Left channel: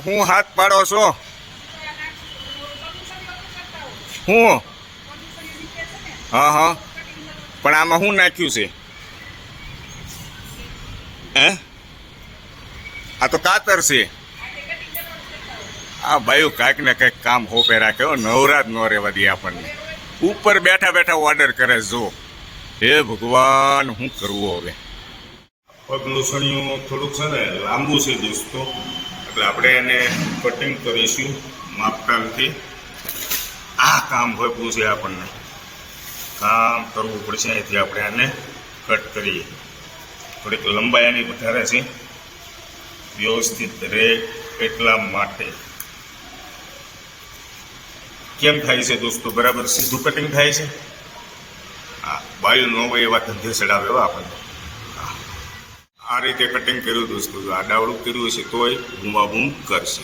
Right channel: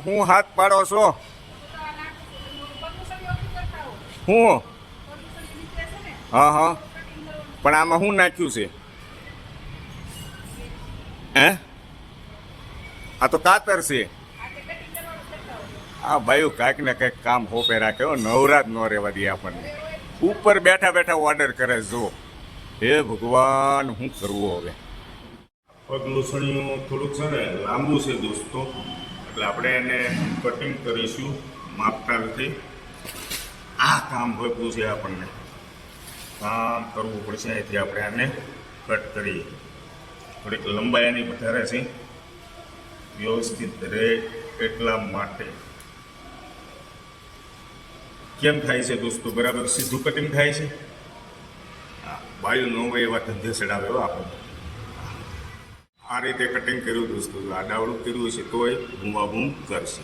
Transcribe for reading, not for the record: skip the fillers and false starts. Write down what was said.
હું હાથ પાડો છો હું હા હા પણ આમાં શું નાખ્યું છે હે આ તો કાતર છે આ ભાઈ કાંઈક ને કંઈક કામ હોપે રાખે નવરાત ન રહેવા દે આપણને ઉપર બેઠા બેઠા ઓર્ડર કરે જો હે ભગવાન શું કરવું હવે પગલુસણિયું થોડુંક છે ને લાંબુ છે દોસ્તો એટલે આપણે એને કટિંગ કરીશું માપટાનથી આ કામ હોપવું છે આપણને કામ કરવું પડશે અહીંથી આપણે આને કટ કરીએ થોડીક લંબાઈ આની વધારે છે વ્યવસ્થિત રહે એટલા માટે કેમ થાય છે દોસ્તો બરાબર સીધું કટિંગ થાય છે હા બાયું ન હોય એવા ધંધે ચડાવે આપણને આ રીતે કટિંગ કર્યું દોસ્તો આડાવડું કર્યું છે તોય બૂમાબૂમ કરશે